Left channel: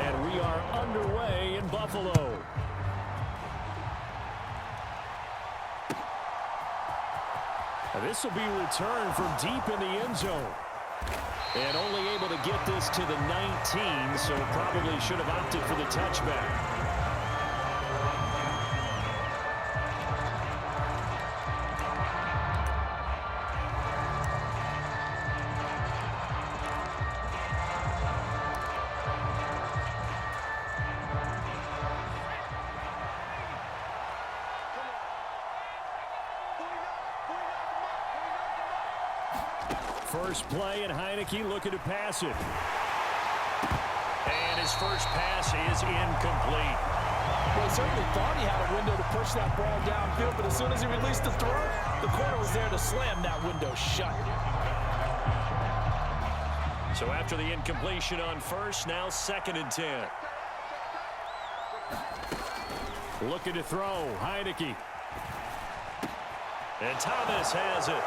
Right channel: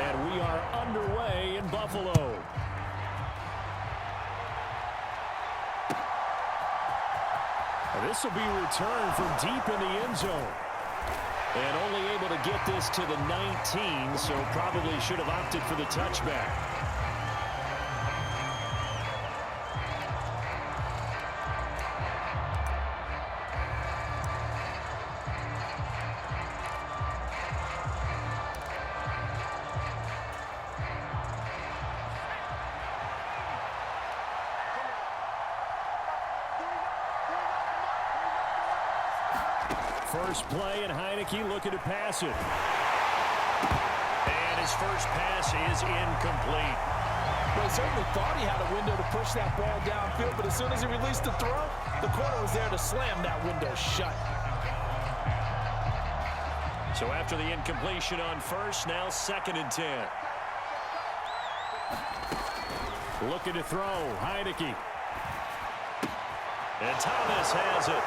And we are underway in Buffalo. This will be returned from deep in the end zone. And only able to get this to the 19, so probably should have opted for the touchback. First play, and Heinicke looking to pass it. And his first pass is incomplete. Well, he certainly thought he had a window to push that ball downfield, but as soon as he released the throw, the corner was there to slam that window shut. So after the incompletion on first, now 2nd and 10. Looking to throw, Heinicke. And Thomas has it.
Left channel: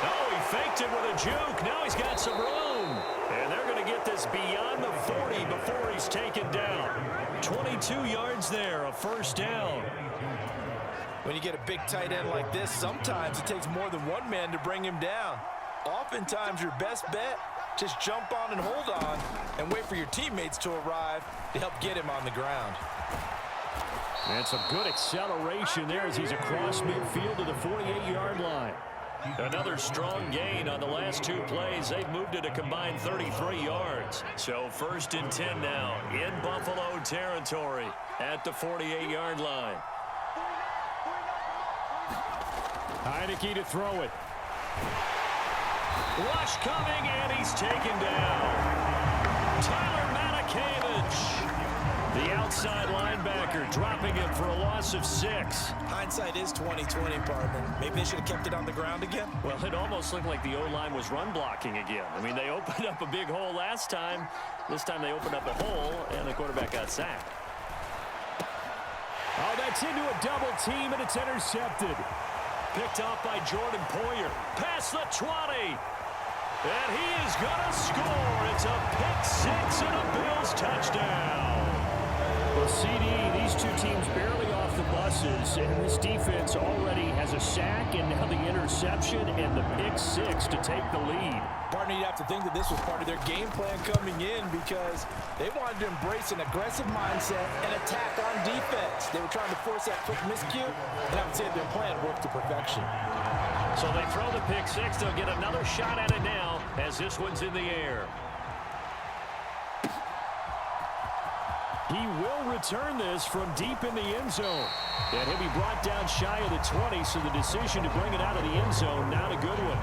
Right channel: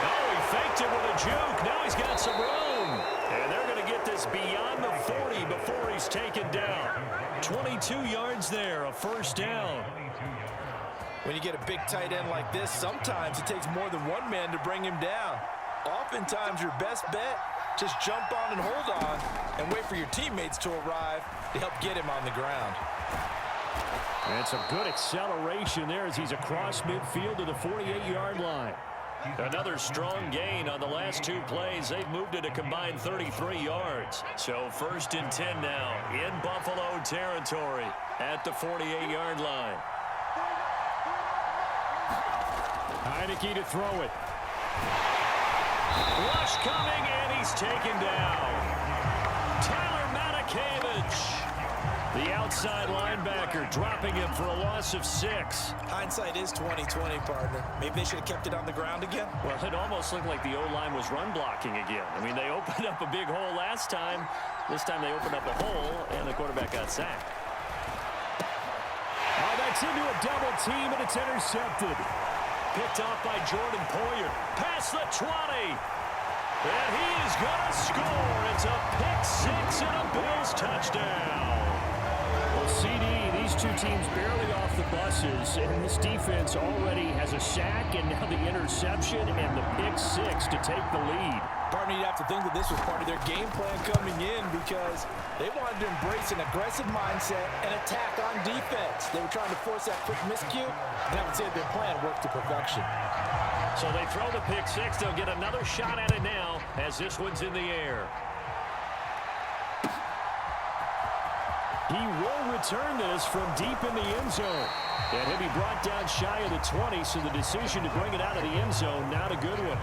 Oh, he faked it with a juke. Now he's got some room. And they're going to get this beyond the 40 before he's taken down. 22 yards there, a first down. When you get a big tight end like this, sometimes it takes more than one man to bring him down. Oftentimes, your best bet, just jump on and hold on and wait for your teammates to arrive to help get him on the ground. And some good acceleration there as he's across midfield to the 48-yard line. Another strong gain on the last 2 plays. They've moved it a combined 33 yards. So 1st and 10 now in Buffalo territory at the 48-yard line. Heinicke to throw it. Rush coming, and he's taken down. Tyler Matakevich, the outside linebacker, dropping him for a loss of 6. Hindsight is 20/20, partner. Maybe they should have kept it on the ground again. Well, it almost looked like the O-line was run blocking again. I mean, they opened up a big hole last time. This time they opened up a hole, and the quarterback got sacked. Oh, that's into a double team, and it's intercepted. Picked off by Jordan Poyer. Past the 20. And he is going to score. It's a pick 6 and a Bills touchdown. Well, CD, these two teams barely off the buses, and this defense already has a sack and now the interception and the pick 6 to take the lead. Partner, you'd have to think that this was part of their game plan coming in because they wanted to embrace an aggressive mindset and attack on defense. They were trying to force that quick miscue, and I would say their plan worked to perfection. So they throw the pick 6. They'll get another shot at it now as this one's in the air. He will return this from deep in the end zone. And he'll be brought down shy of the 20, so the decision to bring it out of the end zone, not a good one.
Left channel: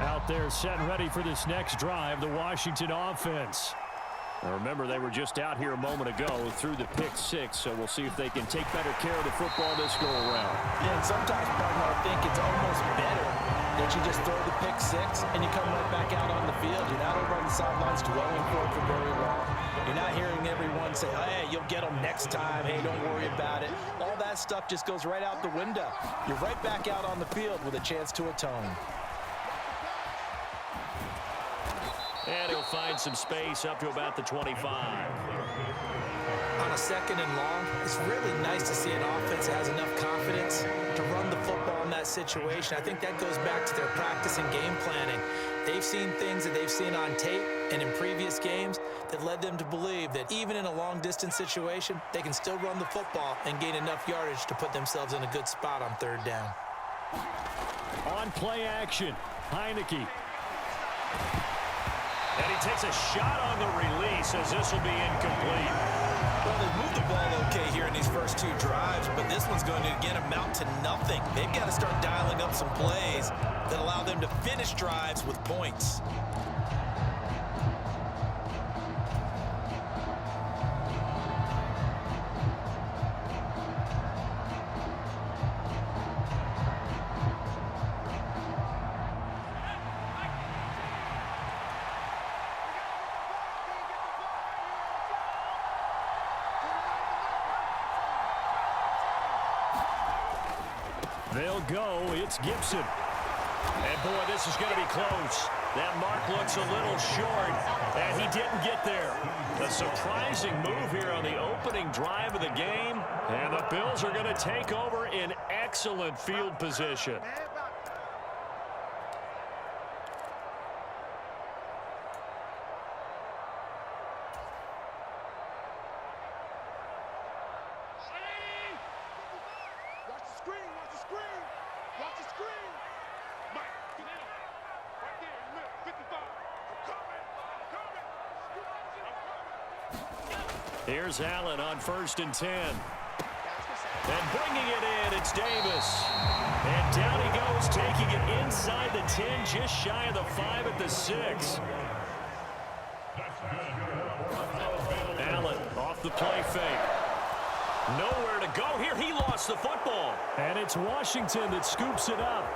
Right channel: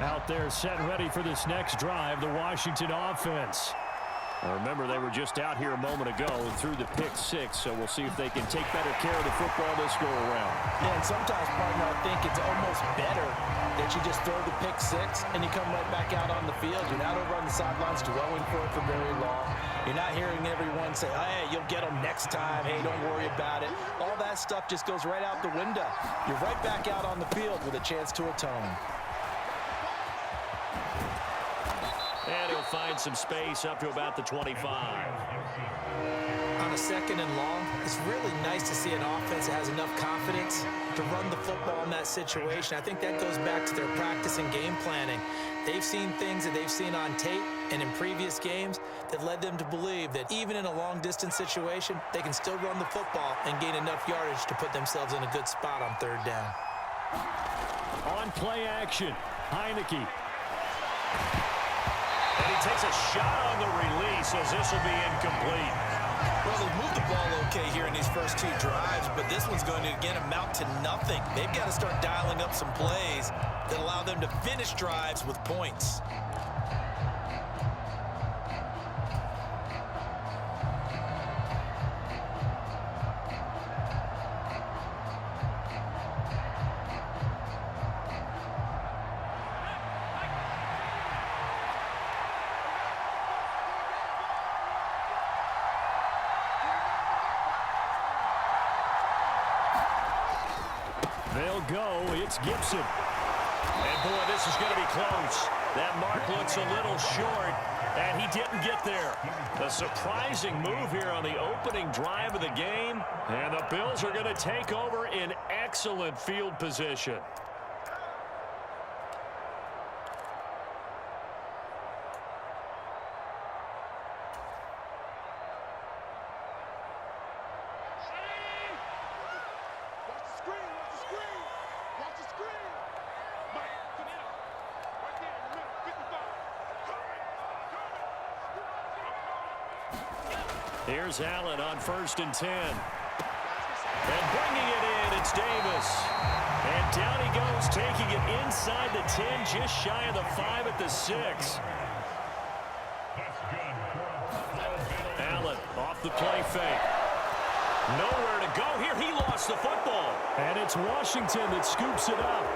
Out there set and ready for this next drive, the Washington offense. Now remember, they were just out here a moment ago through the pick 6, so we'll see if they can take better care of the football this go-around. Yeah, and sometimes, partner, I think it's almost better that you just throw the pick 6 and you come right back out on the field. You're not over on the sidelines dwelling for it for very long. You're not hearing everyone say, oh, hey, you'll get them next time. Hey, don't worry about it. All that stuff just goes right out the window. You're right back out on the field with a chance to atone. And he'll find some space up to about the 25. On a 2nd and long, it's really nice to see an offense that has enough confidence to run the football in that situation. I think that goes back to their practice and game planning. They've seen things that they've seen on tape and in previous games that led them to believe that even in a long-distance situation, they can still run the football and gain enough yardage to put themselves in a good spot on 3rd down. On play action, Heinicke. And he takes a shot on the release as this will be incomplete. Well, they've moved the ball okay here in these first 2 drives, but this one's going to, again, amount to nothing. They've got to start dialing up some plays that allow them to finish drives with points. They'll go. It's Gibson. And, boy, this is going to be close. That mark looks a little short, and he didn't get there. A surprising move here on the opening drive of the game, and the Bills are going to take over in excellent field position. Here's Allen on 1st and 10. And bringing it in, it's Davis. And down he goes, taking it inside the 10, just shy of the 5 at the 6. Allen off the play fake. Nowhere to go here. He lost the football. And it's Washington that scoops it up.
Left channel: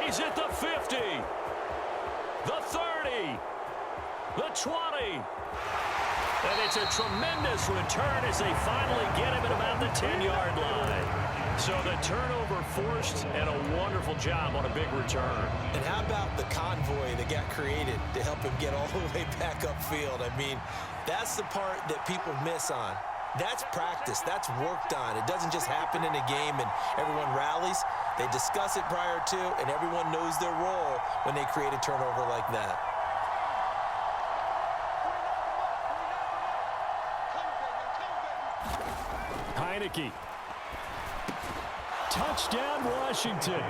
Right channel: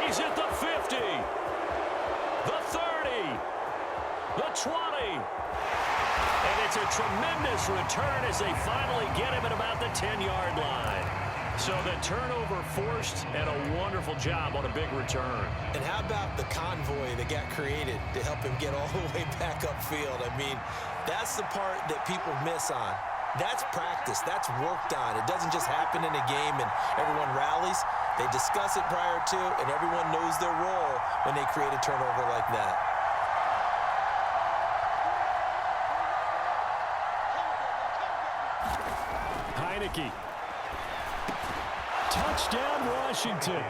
He's at the 50. The 30. The 20. And it's a tremendous return as they finally get him at about the 10-yard line. So the turnover forced, and a wonderful job on a big return. And how about the convoy that got created to help him get all the way back upfield? I mean, that's the part that people miss on. That's practice. That's worked on. It doesn't just happen in a game and everyone rallies. They discuss it prior to, and everyone knows their role when they create a turnover like that. Heinicke. Touchdown, Washington.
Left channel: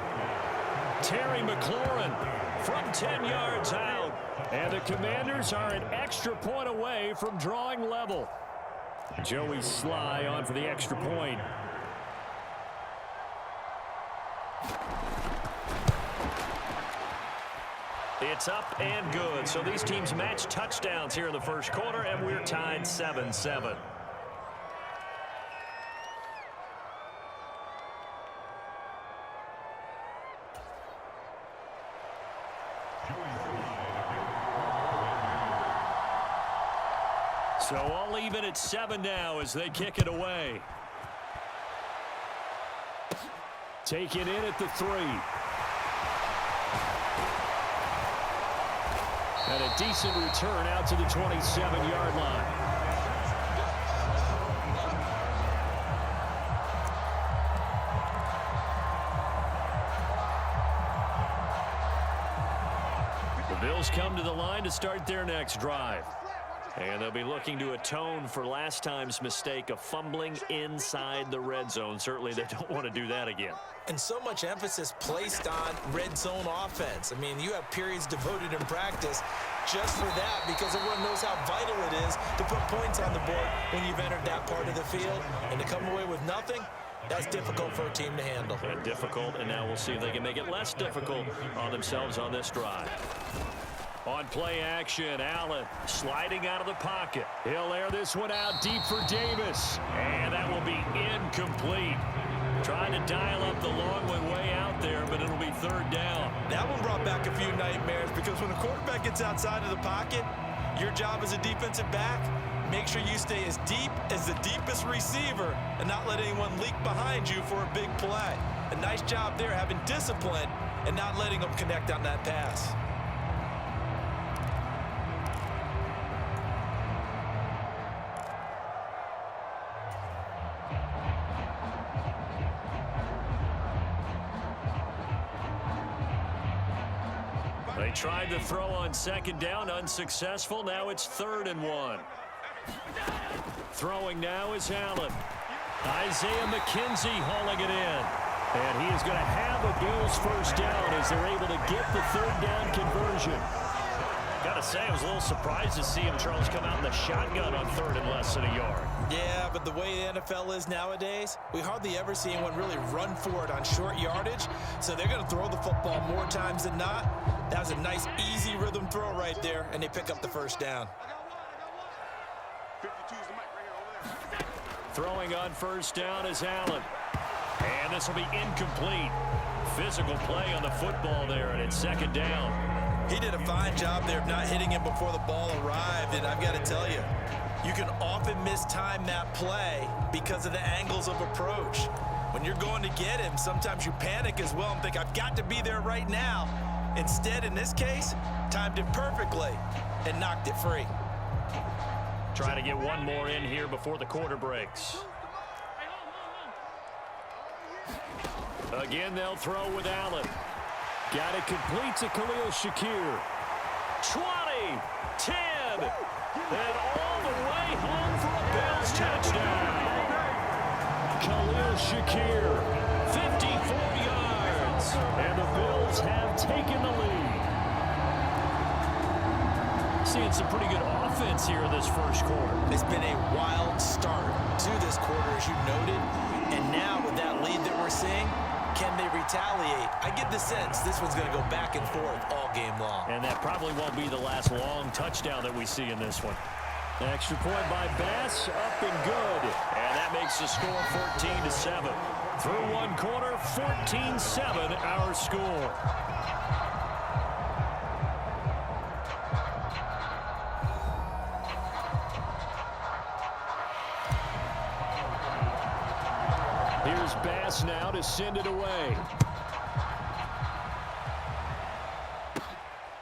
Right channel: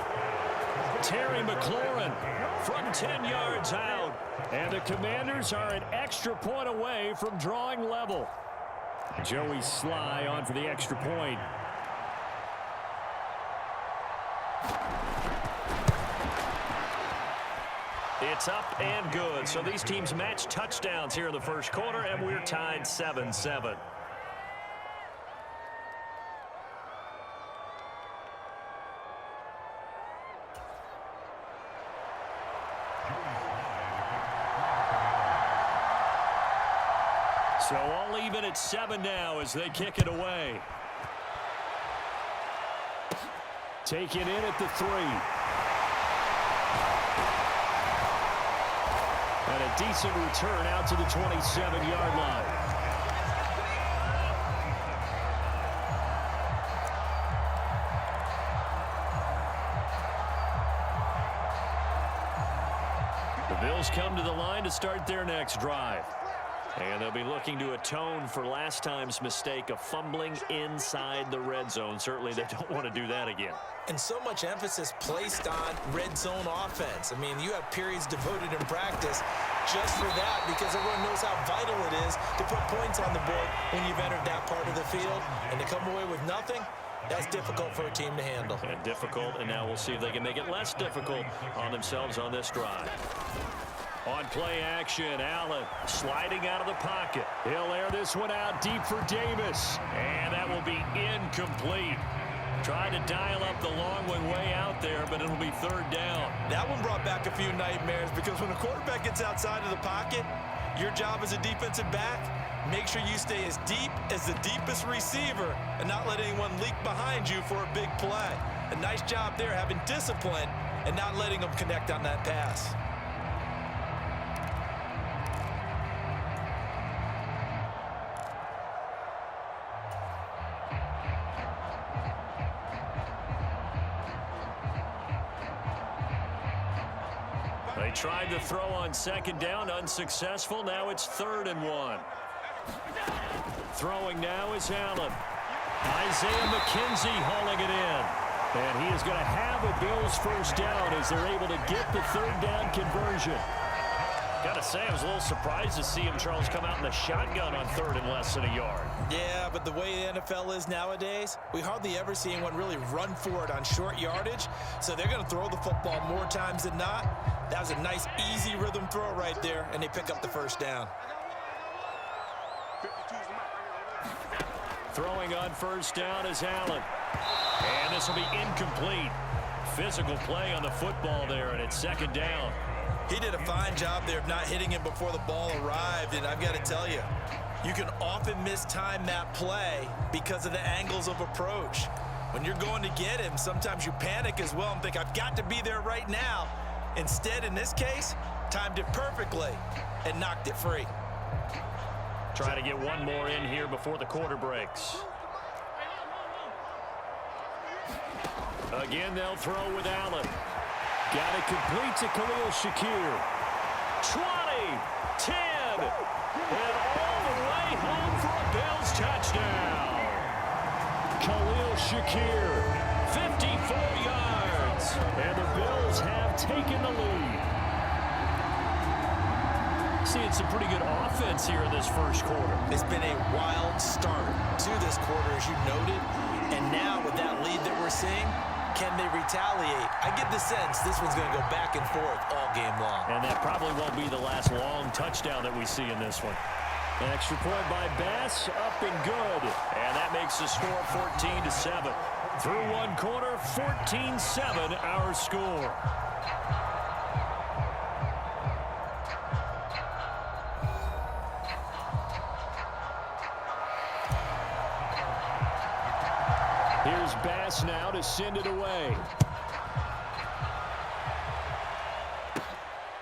Terry McLaurin from 10 yards out. And the Commanders are an extra point away from drawing level. Joey Sly on for the extra point. It's up and good. So these teams match touchdowns here in the first quarter, and we're tied 7-7. So all even at 7 now as they kick it away. Taken in at the 3. And a decent return out to the 27-yard line. The Bills come to the line to start their next drive. And they'll be looking to atone for last time's mistake of fumbling inside the red zone. Certainly they don't want to do that again. And so much emphasis placed on red zone offense. I mean, you have periods devoted in practice just for that because everyone knows how vital it is to put points on the board when you've entered that part of the field. And to come away with nothing, that's difficult for a team to handle. And difficult, and now we'll see if they can make it less difficult on themselves on this drive. On play action, Allen sliding out of the pocket. He'll air this one out deep for Davis. And that will be incomplete. Trying to dial up the long one way out there, but it'll be 3rd down. That one brought back a few nightmares because when a quarterback gets outside of the pocket, your job as a defensive back, make sure you stay as deep as the deepest receiver and not let anyone leak behind you for a big play. A nice job there having discipline and not letting them connect on that pass. They tried to throw on 2nd down, unsuccessful. Now it's 3rd and 1. Throwing now is Allen. Isaiah McKenzie hauling it in. And he is going to have a Bills 1st down as they're able to get the 3rd down conversion. Got to say, I was a little surprised to see him, Charles, come out in the shotgun on 3rd and less than a yard. Yeah, but the way the NFL is nowadays, we hardly ever see anyone really run for it on short yardage. So they're going to throw the football more times than not. That was a nice, easy rhythm throw right there, and they pick up the 1st down. Throwing on 1st down is Allen. And this will be incomplete. Physical play on the football there, and it's 2nd down. He did a fine job there of not hitting him before the ball arrived, and I've got to tell you, you can often mistime that play because of the angles of approach. When you're going to get him, sometimes you panic as well and think, I've got to be there right now. Instead, in this case, timed it perfectly and knocked it free. Trying to get one more in here before the quarter breaks. Again, they'll throw with Allen. Got it complete to Khalil Shakir. 20, 10, and all the way home for a Bills touchdown. Khalil Shakir, 54 yards, and the Bills have taken the lead. Seeing some pretty good offense here in this first quarter. It's been a wild start to this quarter, as you noted, and now with that lead that we're seeing, can they retaliate? I get the sense this one's going to go back and forth all game long. And that probably won't be the last long touchdown that we see in this one. An extra point by Bass, up and good. And that makes the score 14-7. Through one quarter, 14-7 our score. Here's Bass now to send it away.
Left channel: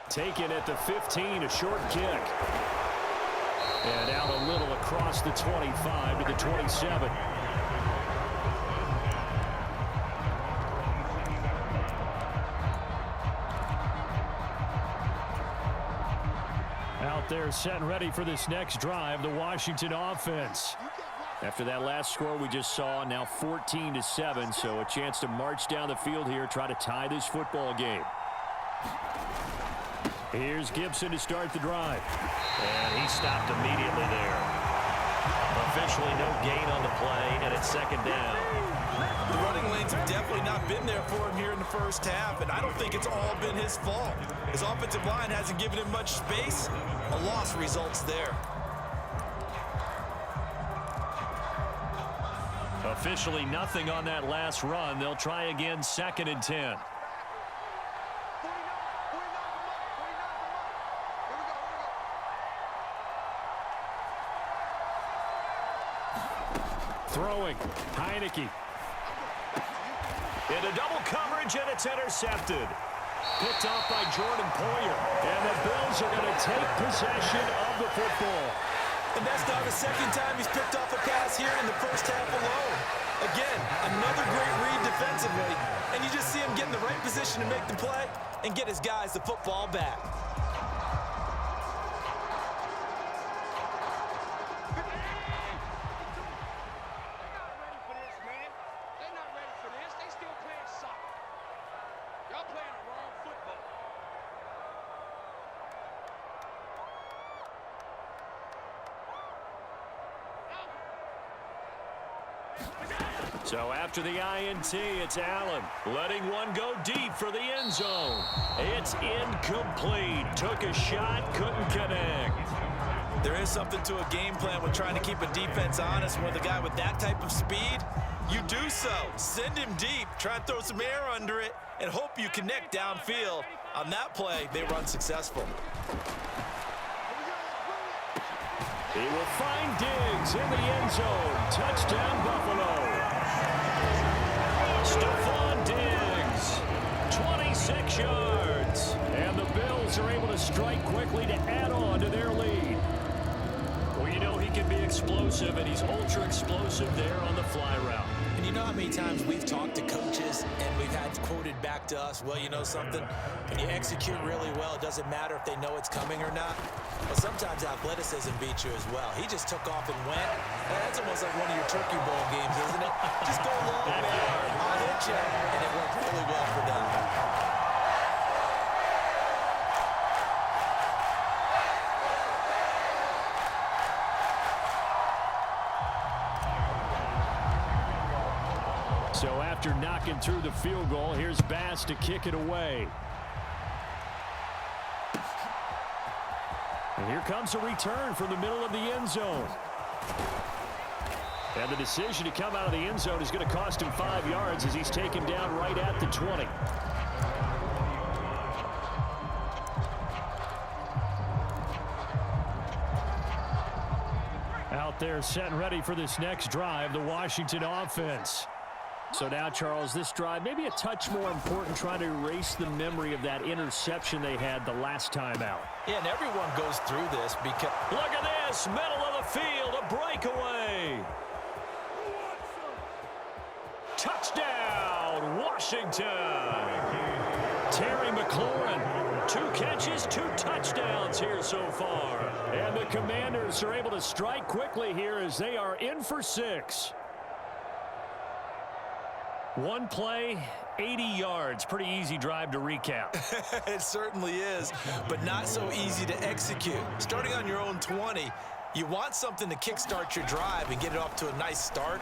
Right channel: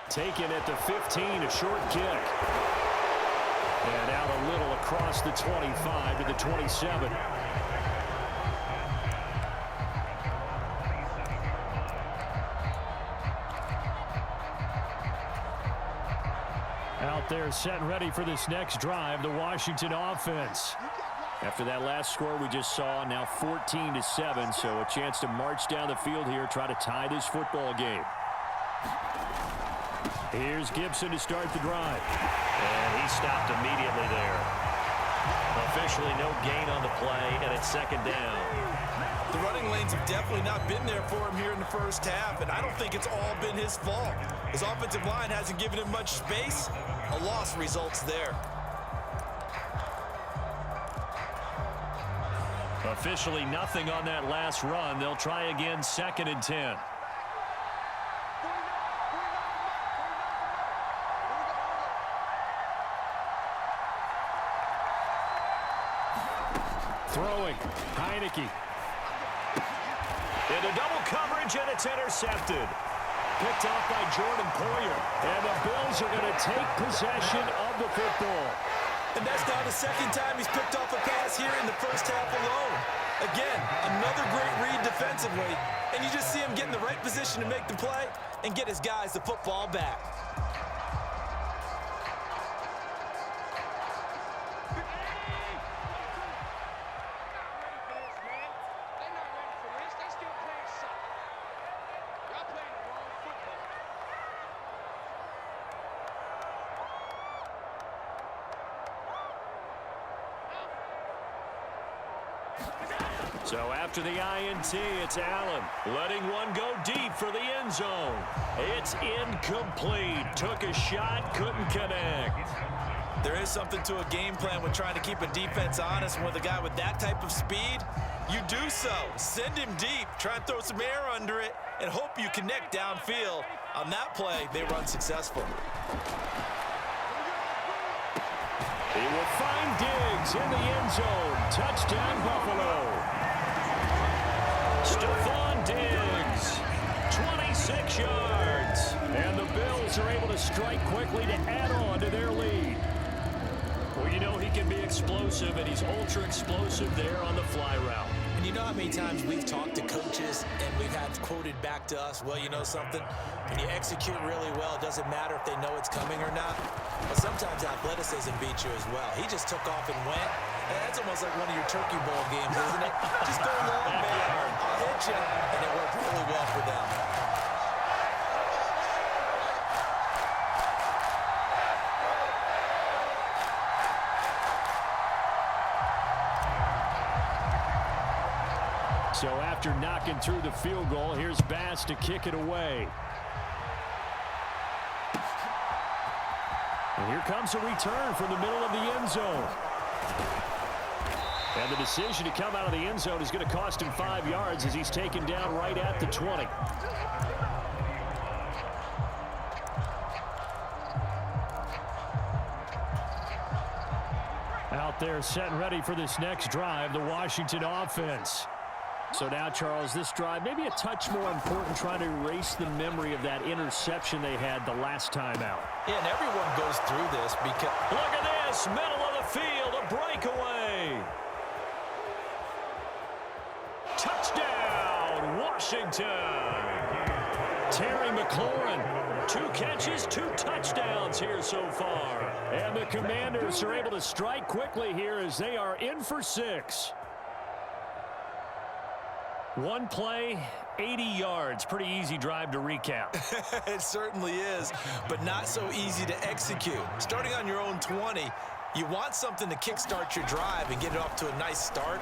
Taken at the 15, a short kick. And out a little across the 25 to the 27. Out there set and ready for this next drive, the Washington offense. After that last score we just saw, now 14-7, so a chance to march down the field here, try to tie this football game. Here's Gibson to start the drive. And he stopped immediately there. Officially no gain on the play, and it's second down. The running lanes have definitely not been there for him here in the first half, and I don't think it's all been his fault. His offensive line hasn't given him much space. A loss results there. Officially nothing on that last run. They'll try again, 2nd and 10. Throwing, Heinicke. Into double coverage, and it's intercepted. Picked off by Jordan Poyer. And the Bills are going to take possession of the football. And that's now the second time he's picked off a pass here in the first half alone. Again, another great read defensively, and you just see him get in the right position to make the play and get his guys the football back. So after the INT, it's Allen letting one go deep for the end zone. It's incomplete. Took a shot, couldn't connect. There is something to a game plan when trying to keep a defense honest. With a guy with that type of speed, you do so. Send him deep, try and throw some air under it, and hope you connect downfield. On that play, they run successful. He will find Diggs in the end zone. Touchdown, Buffalo. Stephon Diggs, 26 yards. And the Bills are able to strike quickly to add on to their lead. Well, you know he can be explosive, and he's ultra explosive there on the fly route. And you know how many times we've talked to coaches and we've had quoted back to us, well, you know something? When you execute really well, it doesn't matter if they know it's coming or not. But sometimes athleticism beats you as well. He just took off and went. That's almost like one of your Turkey Bowl games, isn't it? Just go long, man. I'll hit you. And it worked really well for them. So after knocking through the field goal, here's Bass to kick it away. And here comes a return from the middle of the end zone. And the decision to come out of the end zone is going to cost him 5 yards as he's taken down right at the 20. Out there set and ready for this next drive, the Washington offense. So now, Charles, this drive maybe a touch more important, trying to erase the memory of that interception they had the last time out. Yeah, and everyone goes through this because... Look at this, middle of the field, a breakaway. Touchdown, Washington. Terry McLaurin, 2 catches, 2 touchdowns here so far. And the Commanders are able to strike quickly here as they are in for 6. One play, 80 yards. Pretty easy drive to recap. It certainly is, but not so easy to execute. Starting on your own 20, you want something to kickstart your drive and get it off to a nice start.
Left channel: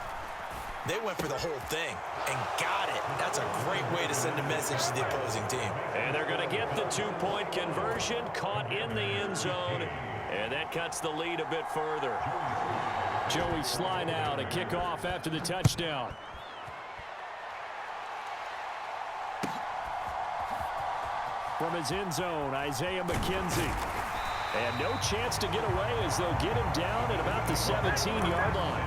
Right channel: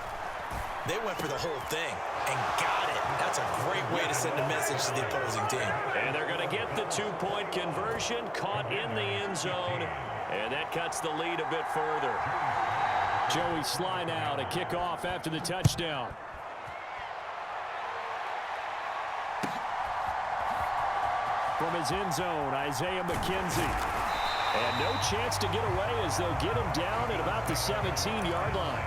They went for the whole thing and got it. That's a great way to send a message to the opposing team. And they're going to get the 2-point conversion, caught in the end zone, and that cuts the lead a bit further. Joey Sly now to kick off after the touchdown. From his end zone, Isaiah McKenzie. And no chance to get away as they'll get him down at about the 17-yard line.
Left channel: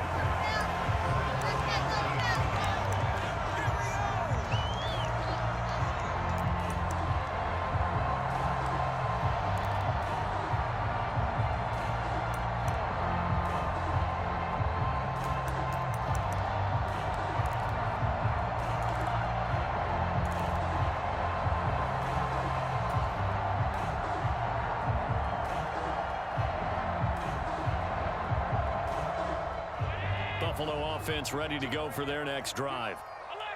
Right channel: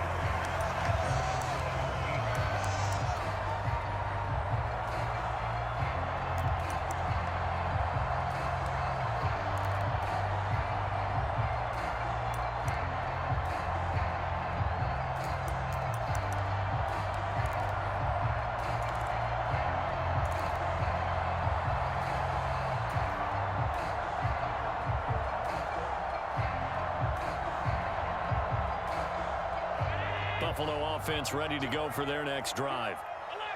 Buffalo offense ready to go for their next drive.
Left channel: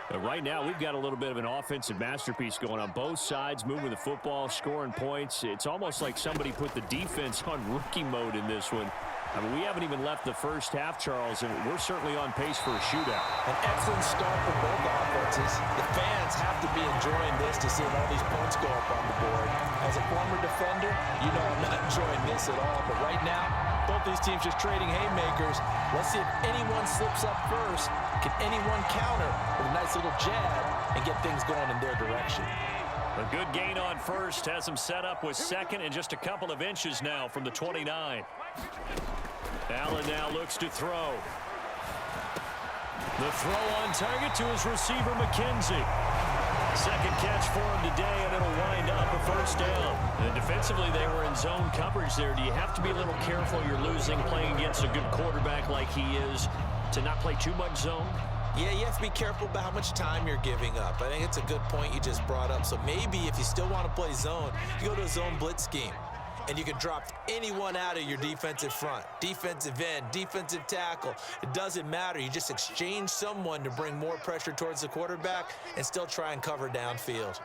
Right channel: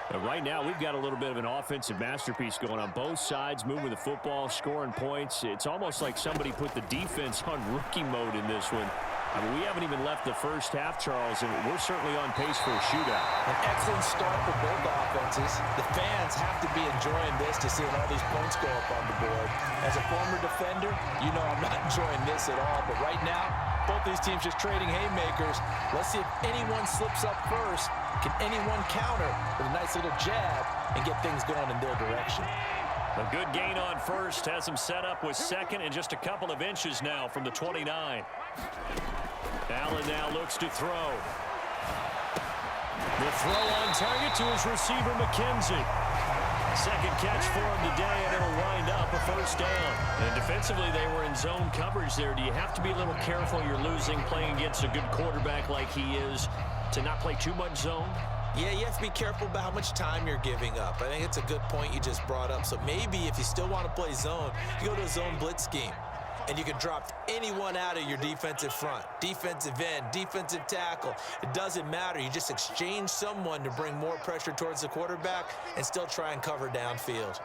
But right now, we've got a little bit of an offensive masterpiece going on both sides, moving the football, scoring points. It's almost like somebody put the defense on rookie mode in this one. I mean, we haven't even left the first half, Charles, and we're certainly on pace for a shootout. An excellent start for both offenses. The fans have to be enjoying this to see all these points go up on the board. As a former defender, you know I'm not enjoying this at all. But right now, both these teams just trading haymakers. Let's see if anyone slips up first. Can anyone counter with a nice little jab and get things going in their direction? A good gain on first has him set up with second and just a couple of inches now from the 29. Allen now looks to throw. The throw on target to his receiver, McKenzie. Second catch for him today, and it'll wind up a first down. And defensively, they were in zone coverage there. Do you have to be a little careful? You're losing, playing against a good quarterback like he is, to not play too much zone? Yeah, you have to be careful about how much time you're giving up. I think it's a good point you just brought up. So maybe if you still want to play zone, you go to a zone blitz scheme. And you can drop anyone out of your defensive front, defensive end, defensive tackle. It doesn't matter. You just exchange someone to bring more pressure towards the quarterback and still try and cover downfield.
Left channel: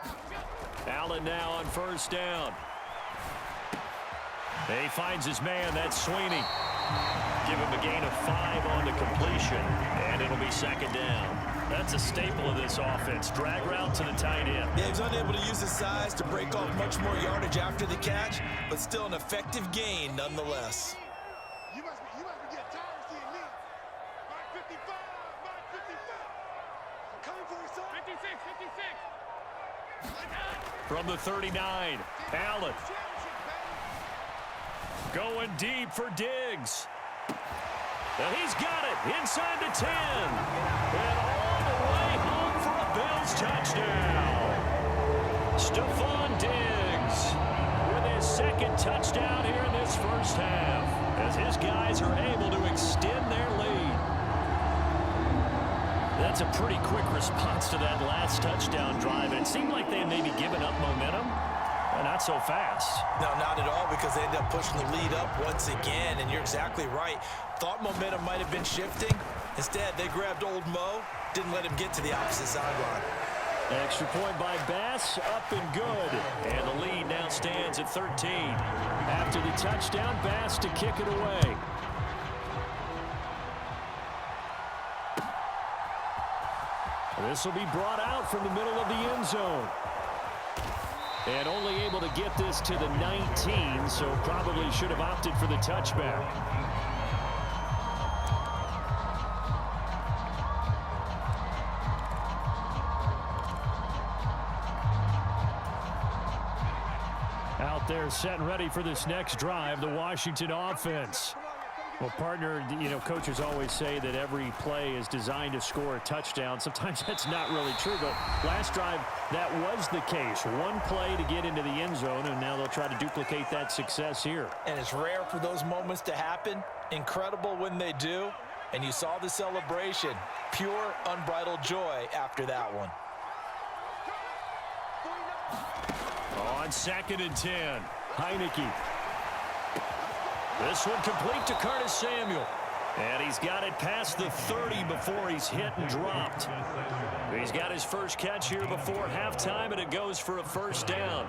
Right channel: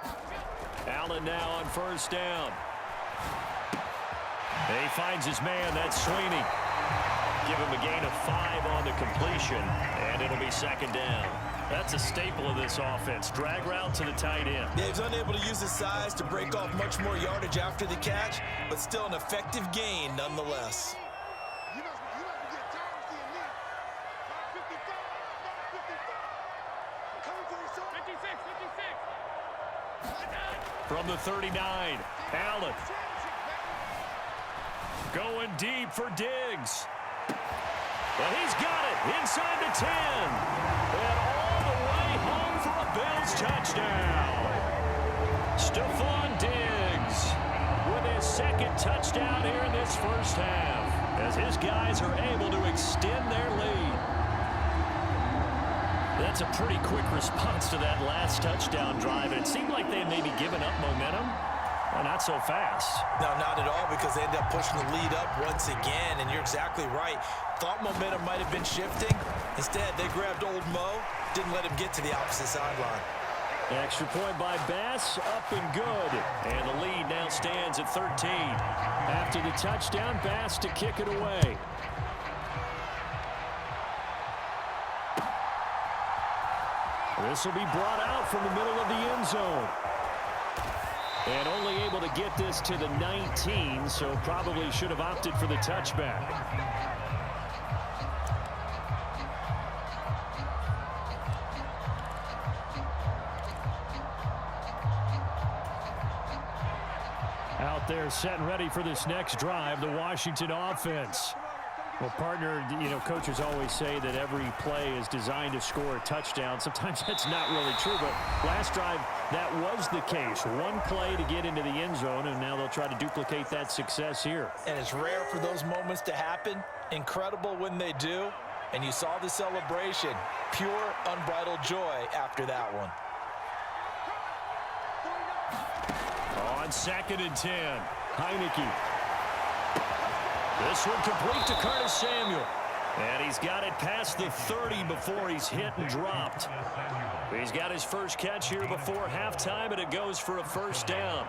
Allen now on first down. He finds his man. That's Sweeney. Give him a gain of 5 on the completion, and it'll be second down. That's a staple of this offense. Drag route to the tight end. Yeah, he's unable to use his size to break off much more yardage after the catch, but still an effective gain nonetheless. You must be getting tired of seeing me. Mark 55, Mark 55. Coming for you, son. 56, 56. From the 39, Allen. Going deep for Diggs. And he's got it inside the 10. And all the way home for a Bills touchdown. Stephon Diggs with his second touchdown here in this first half, as his guys are able to extend their lead. That's a pretty quick response to that last touchdown drive, and it seemed like they had maybe given up momentum. Not so fast. No, not at all, because they ended up pushing the lead up once again, and you're exactly right. Thought momentum might have been shifting. Instead, they grabbed old Mo, didn't let him get to the opposite sideline. Extra point by Bass, up and good. And the lead now stands at 13. After the touchdown, Bass to kick it away. This will be brought out from the middle of the end zone. And only able to get this to the 19, so probably should have opted for the touchback. Out there set and ready for this next drive, the Washington offense. Well, partner, you know, coaches always say that every play is designed to score a touchdown. Sometimes that's not really true, but last drive, that was the case. One play to get into the end zone, and now they'll try to duplicate that success here. And it's rare for those moments to happen. Incredible when they do. And you saw the celebration. Pure, unbridled joy after that one. On 2nd and 10, Heinicke. This one complete to Curtis Samuel. And he's got it past the 30 before he's hit and dropped. He's got his first catch here before halftime, and it goes for a first down.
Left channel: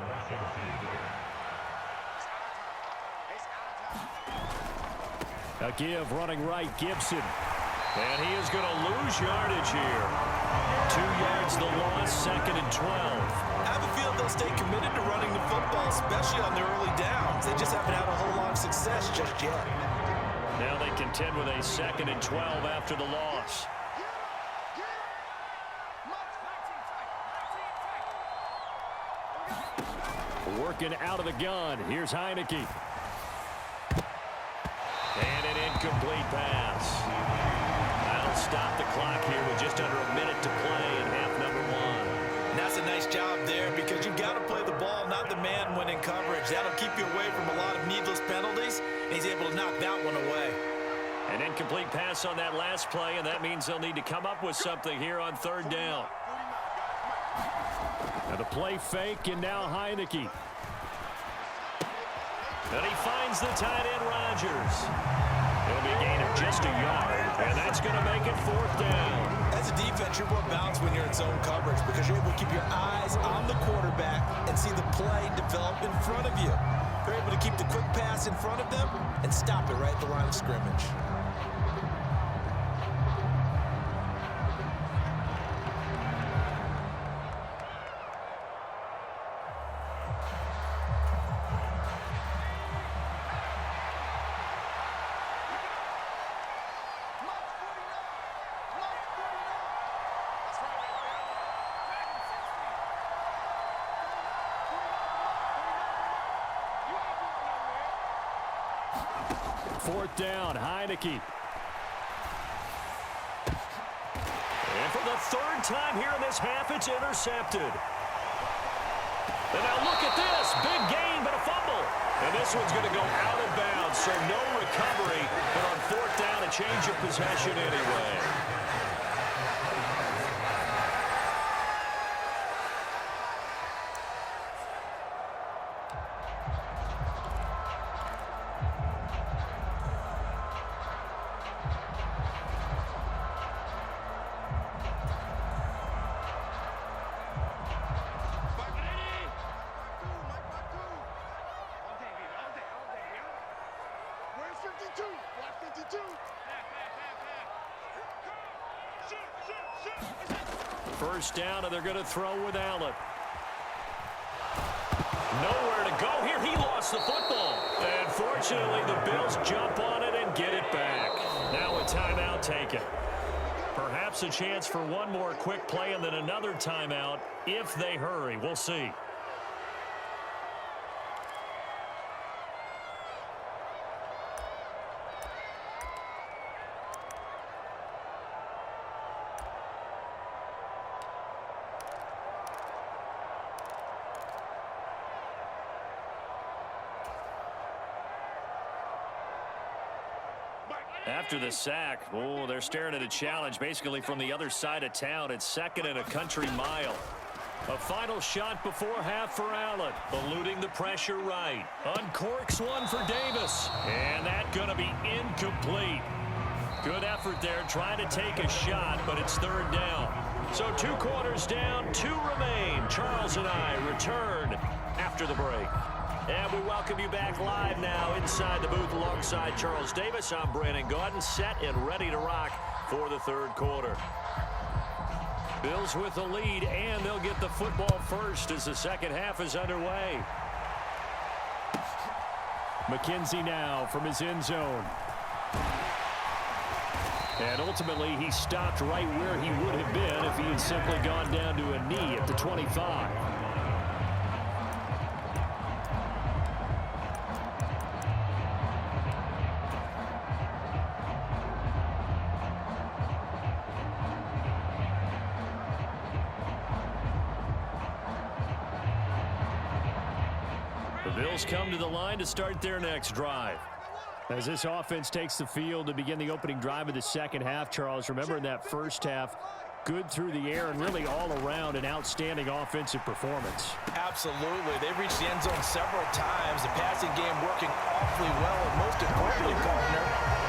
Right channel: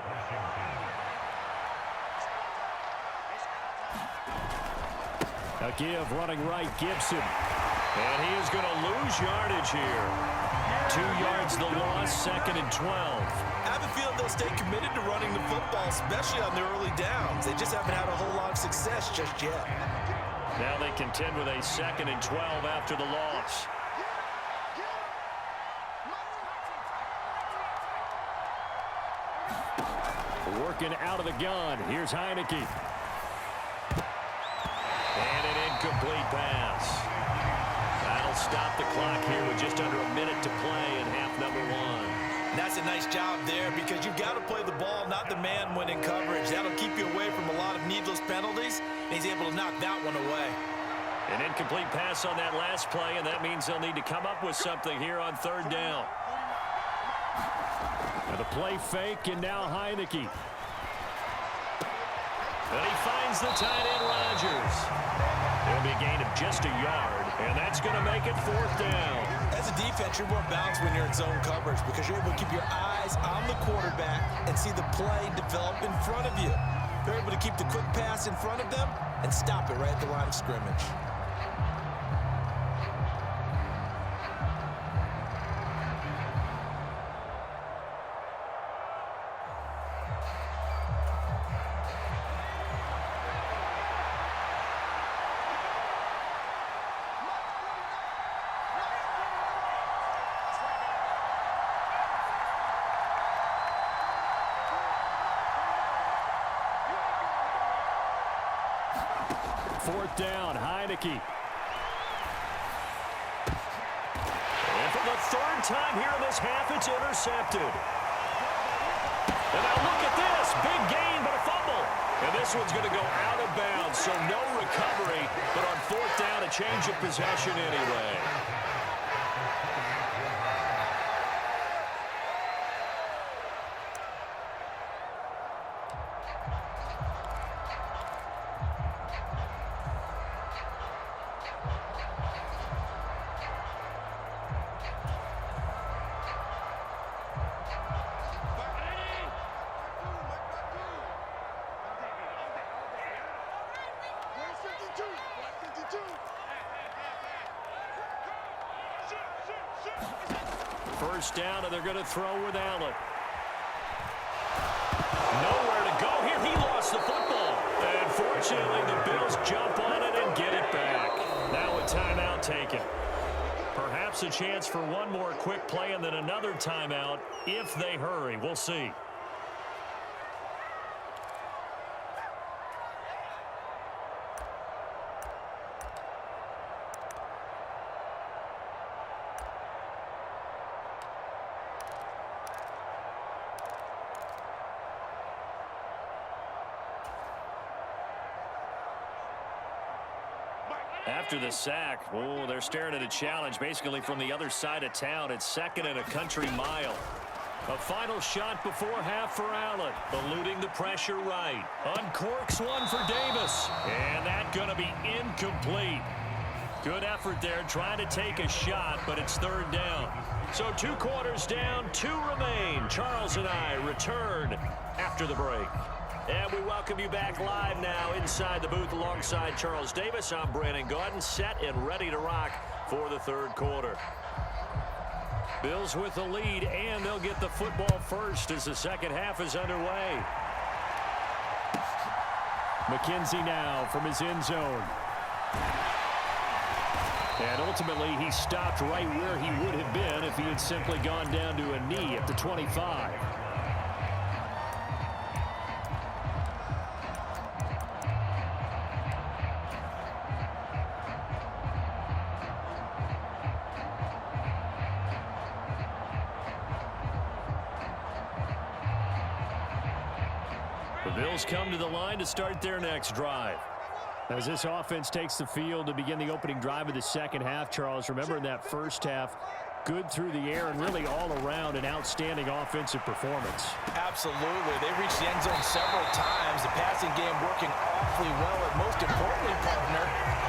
A give running right, Gibson. And he is going to lose yardage here. 2 yards the loss, 2nd and 12. I have a feeling they'll stay committed to running the football, especially on the early downs. They just haven't had a whole lot of success just yet. Now they contend with a 2nd and 12 after the loss. Working out of the gun. Here's Heinicke. And an incomplete pass. That'll stop the clock here with just under a minute to play in half number 1. And that's a nice job there because you've got to play the ball, not the man when in coverage. That'll keep you away from a lot of needless penalties, and he's able to knock that one away. An incomplete pass on that last play, and that means they'll need to come up with something here on 3rd down. Now the play fake, and now Heinicke. And he finds the tight end, Rodgers. It'll be a gain of just a yard, and that's going to make it 4th down. As a defense, you're more balanced when you're in zone coverage because you're able to keep your eyes on the quarterback and see the play develop in front of you. They're able to keep the quick pass in front of them and stop it right at the line of scrimmage. Fourth down, Heinicke. And for the 3rd time here in this half, it's intercepted. And now look at this. Big gain, but a fumble. And this one's going to go out of bounds, so no recovery. But on 4th down, a change of possession anyway. First down, and they're going to throw with Allen. Nowhere to go here. He lost the football. And fortunately, the Bills jump on it and get it back. Now a timeout taken. Perhaps a chance for one more quick play and then another timeout if they hurry. We'll see. After the sack, oh, they're staring at a challenge basically from the other side of town. It's 2nd and a country mile. A final shot before half for Allen. Eluding the pressure right. Uncorks one for Davis. And that going to be incomplete. Good effort there trying to take a shot, but it's 3rd down. So 2 quarters down, 2 remain. Charles and I return after the break. And we welcome you back live now inside the booth alongside Charles Davis. I'm Brandon Gaudin, set and ready to rock for the 3rd quarter. Bills with the lead, and they'll get the football first as the 2nd half is underway. McKenzie now from his end zone. And ultimately, he stopped right where he would have been if he had simply gone down to a knee at the 25. The Bills come to the line to start their next drive. As this offense takes the field to begin the opening drive of the second half, Charles, remember in that first half, good through the air and really all around an outstanding offensive performance. Absolutely. They reached the end zone several times. The passing game working awfully well, and most importantly, partner.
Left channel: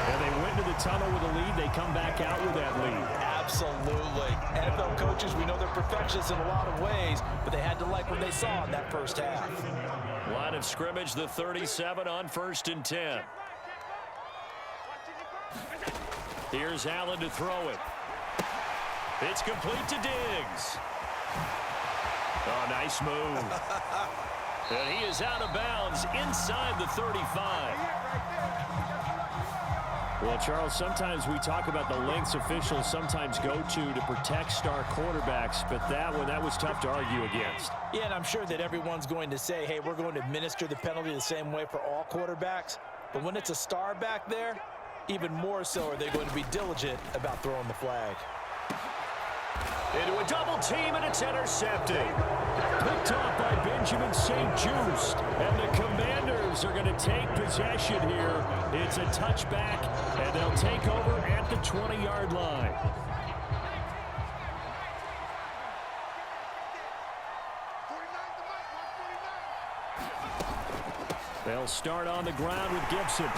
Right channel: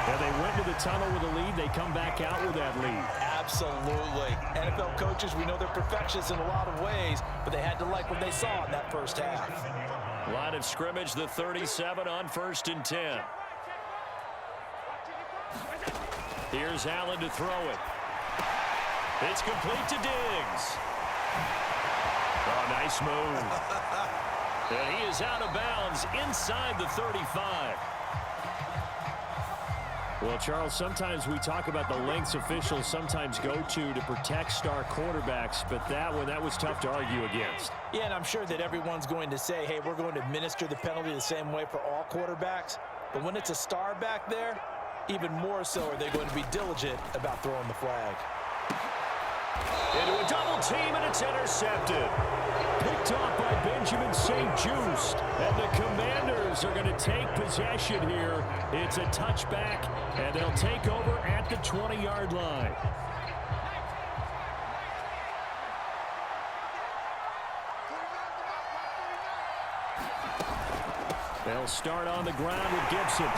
Yeah, they went into the tunnel with a lead. They come back out with that lead. Absolutely. NFL coaches, we know they're perfectionists in a lot of ways, but they had to like what they saw in that first half. Line of scrimmage, the 37 on 1st and 10. Here's Allen to throw it. It's complete to Diggs. Oh, nice move. And he is out of bounds inside the 35. Well, Charles, sometimes we talk about the lengths officials sometimes go to protect star quarterbacks, but that was tough to argue against. Yeah, and I'm sure that everyone's going to say, hey, we're going to administer the penalty the same way for all quarterbacks. But when it's a star back there, even more so are they going to be diligent about throwing the flag. Into a double team, and it's intercepted. Picked off by Benjamin St. Just. And the Commanders are going to take possession here. It's a touchback, and they'll take over at the 20-yard line. They'll start on the ground with Gibson.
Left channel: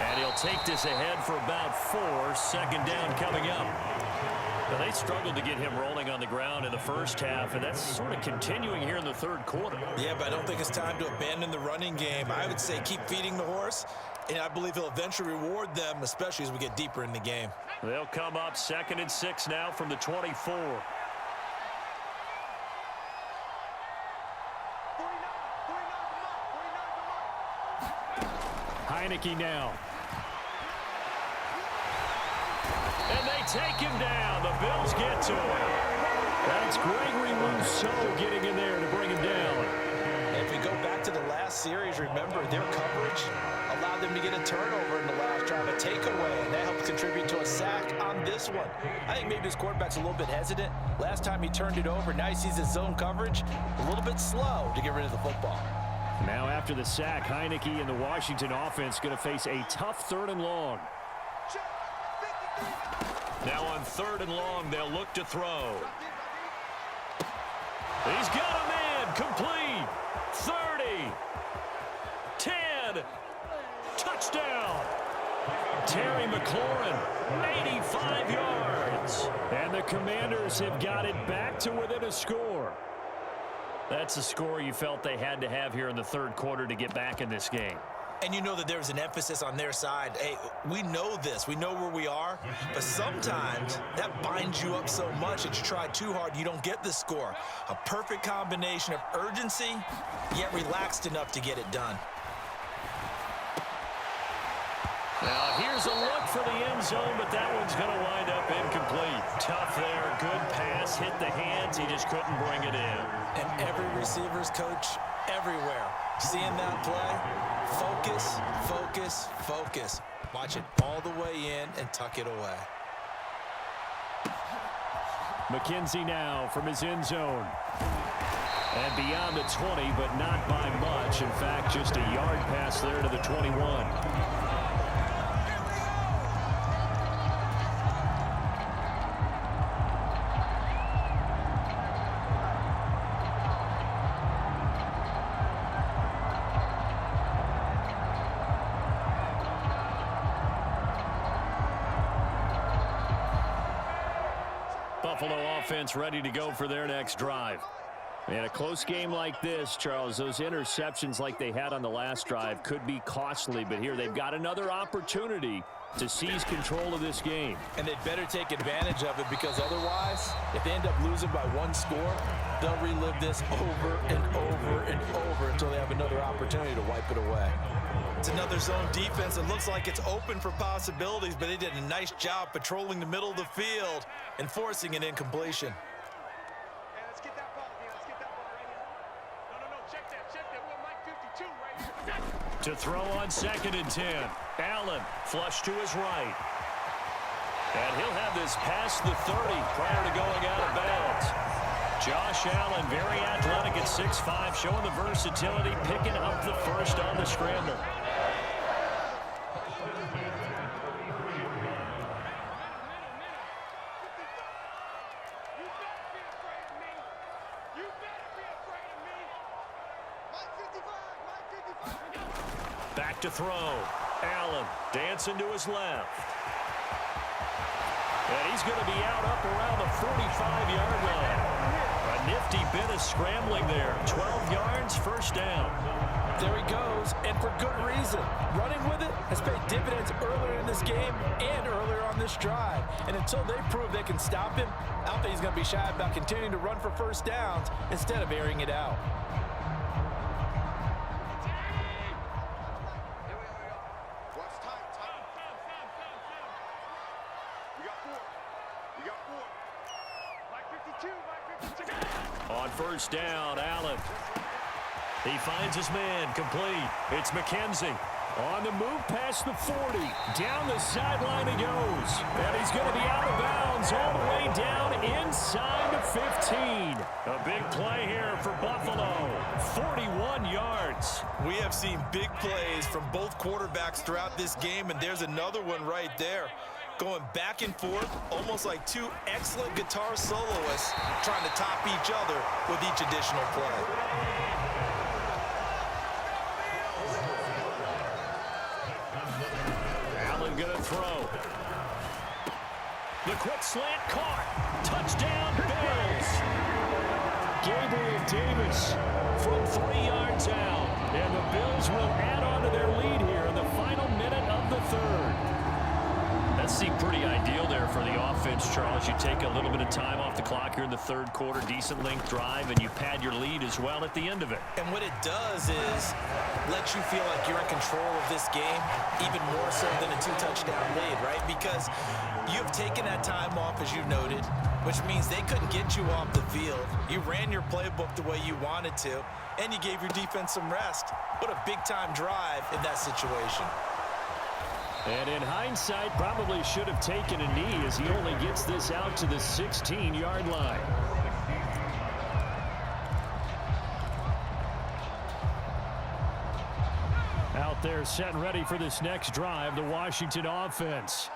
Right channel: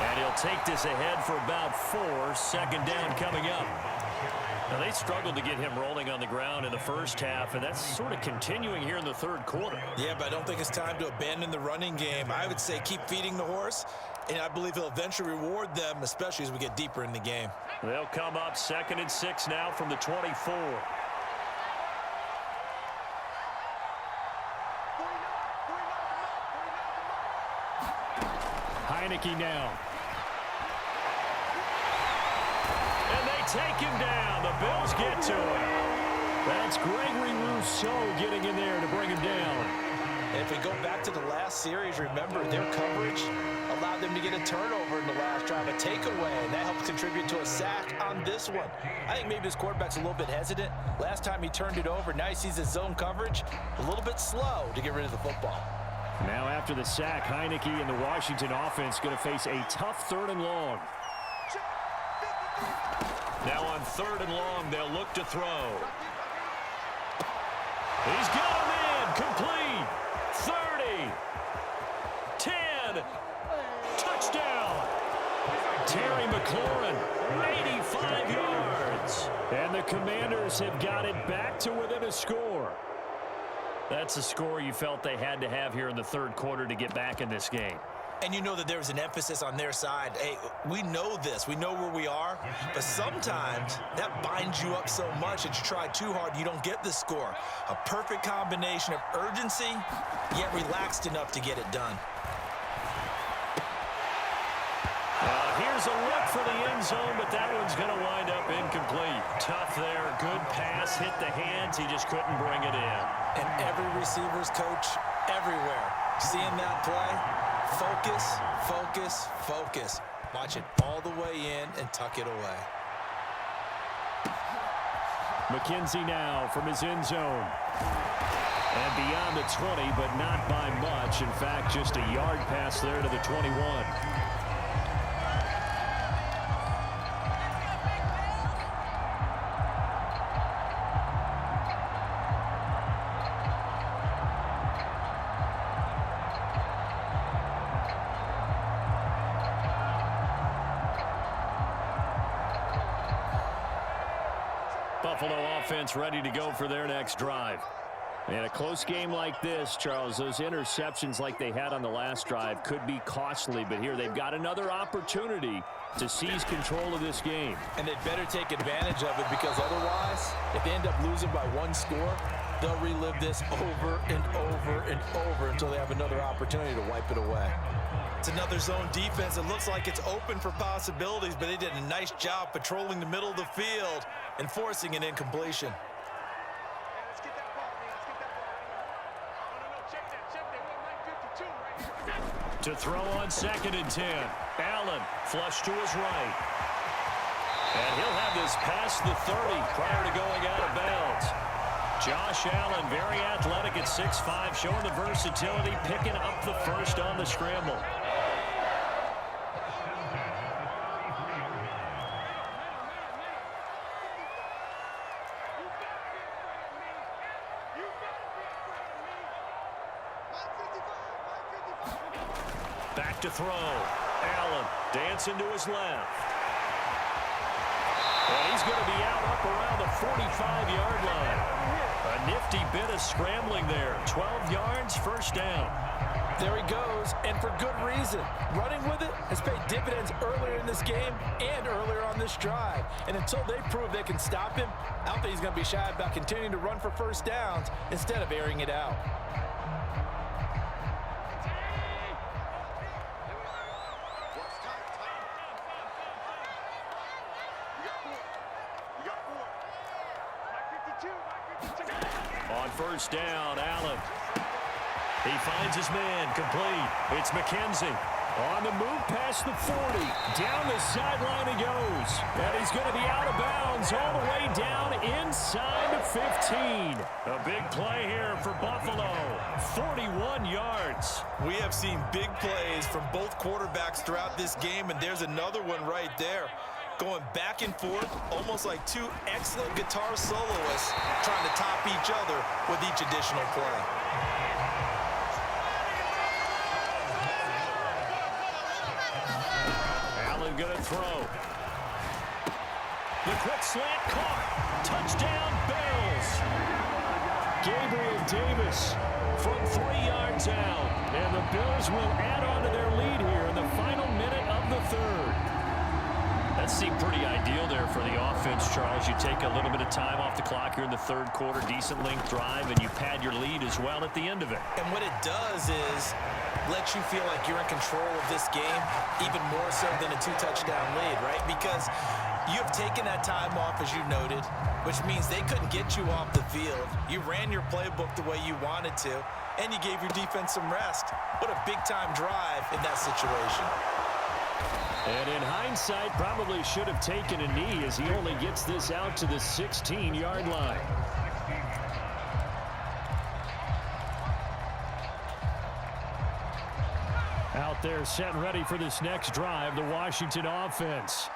And he'll take this ahead for about 4. Second down coming up. Now, they struggled to get him rolling on the ground in the first half, and that's sort of continuing here in the third quarter. Yeah, but I don't think it's time to abandon the running game. I would say keep feeding the horse, and I believe he'll eventually reward them, especially as we get deeper in the game. They'll come up 2nd and 6 now from the 24. Heinicke now. And they take him down. The Bills get to him. That's Gregory Rousseau getting in there to bring him down. And if we go back to the last series, remember, their coverage allowed them to get a turnover in the last drive, a takeaway, and that helped contribute to a sack on this one. I think maybe his quarterback's a little bit hesitant. Last time he turned it over, now he sees his zone coverage a little bit slow to get rid of the football. Now after the sack, Heinicke and the Washington offense going to face a tough 3rd and long. Now on 3rd and long, they'll look to throw. He's got him in. Complete. 30. 10. Touchdown. Terry McLaurin, 85 yards. And the Commanders have got it back to within a score. That's a score you felt they had to have here in the third quarter to get back in this game. And you know that there was an emphasis on their side. Hey, we know this. We know where we are. But sometimes that binds you up so much that you try too hard and you don't get the score. A perfect combination of urgency, yet relaxed enough to get it done. Now here's a look for the end zone, but that one's going to wind up incomplete. Tough there. Good pass. Hit the hands. He just couldn't bring it in. And every receiver's coach everywhere, seeing that play, focus, focus, focus. Watch it all the way in and tuck it away. McKenzie now from his end zone. And beyond the 20, but not by much. In fact, just a yard pass there to the 21. Buffalo offense ready to go for their next drive. And a close game like this, Charles, those interceptions like they had on the last drive could be costly, but here they've got another opportunity to seize control of this game. And they'd better take advantage of it, because otherwise, if they end up losing by 1 score, they'll relive this over and over and over until they have another opportunity to wipe it away. It's another zone defense. It looks like it's open for possibilities, but they did a nice job patrolling the middle of the field and forcing an incompletion. Hey, let's get that ball, man. Let's get that ball right here. No, check that. We're on line 52 right here. To throw on 2nd and 10. Allen flush to his right. And he'll have this past the 30 prior to going out of bounds. Josh Allen, very athletic at 6'5", showing the versatility, picking up the first on the scramble. Back to throw. Allen dancing to his left. And he's going to be out up around the 45-yard line. A nifty bit of scrambling there. 12 yards, first down. There he goes, and for good reason. Running with it has paid dividends earlier in this game and earlier on this drive. And until they prove they can stop him, I don't think he's going to be shy about continuing to run for first downs instead of airing it out. On first down, Allen. He finds his man, complete. It's McKenzie. On the move past the 40. Down the sideline he goes. And he's going to be out of bounds all the way down inside the 15. A big play here for Buffalo. 41 yards. We have seen big plays from both quarterbacks throughout this game, and there's another one right there. Going back and forth, almost like two excellent guitar soloists trying to top each other with each additional play. Allen gonna throw. The quick slant caught. Touchdown, Bills. Gabriel Davis from 3 yards out. And the Bills will add on to their lead here in the final minute of the third. That seemed pretty ideal there for the offense, Charles. You take a little bit of time off the clock here in the third quarter, decent length drive, and you pad your lead as well at the end of it. And what it does is let you feel like you're in control of this game, even more so than a 2-touchdown lead, right? Because you have taken that time off, as you noted, which means they couldn't get you off the field. You ran your playbook the way you wanted to, and you gave your defense some rest. What a big-time drive in that situation. And in hindsight, probably should have taken a knee as he only gets this out to the 16-yard line. Out there set and ready for this next drive, the Washington offense.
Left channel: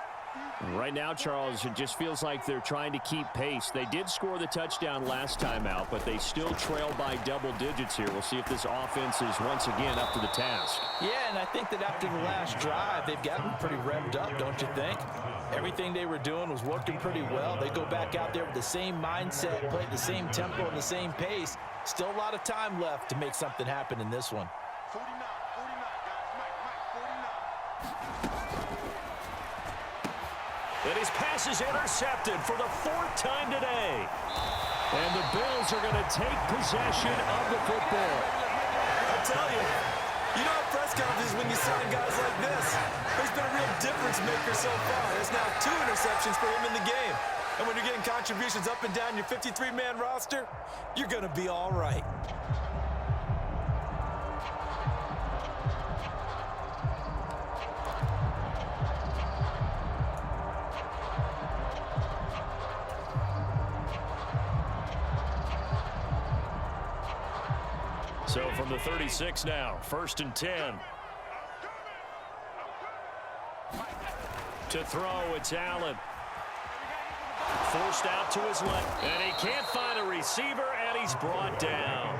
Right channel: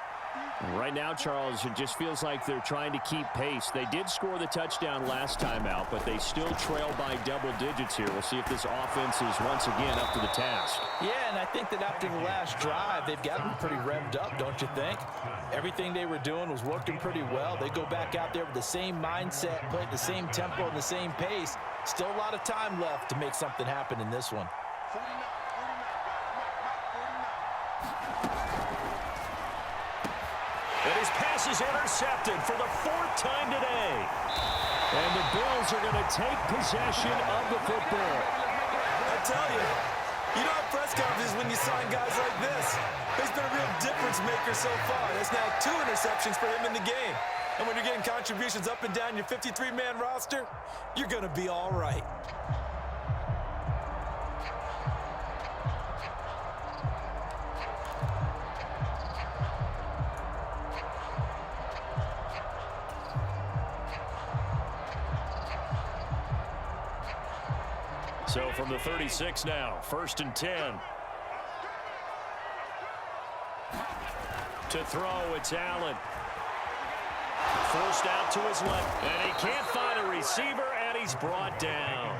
Right now, Charles, it just feels like they're trying to keep pace. They did score the touchdown last time out, but they still trail by double digits here. We'll see if this offense is once again up to the task. Yeah, and I think that after the last drive, they've gotten pretty revved up, don't you think? Everything they were doing was working pretty well. They go back out there with the same mindset, play at the same tempo and the same pace. Still a lot of time left to make something happen in this one. 49, guys. Mike, 49. And his pass is intercepted for the 4th time today. And the Bills are going to take possession of the football. I tell you, you don't have press conferences when you sign guys like this. He's been a real difference maker so far. There's now 2 interceptions for him in the game. And when you're getting contributions up and down your 53-man roster, you're going to be all right. So from the 36 now, 1st and 10. To throw, it's Allen. Forced out to his left, and he can't find a receiver, and he's brought down.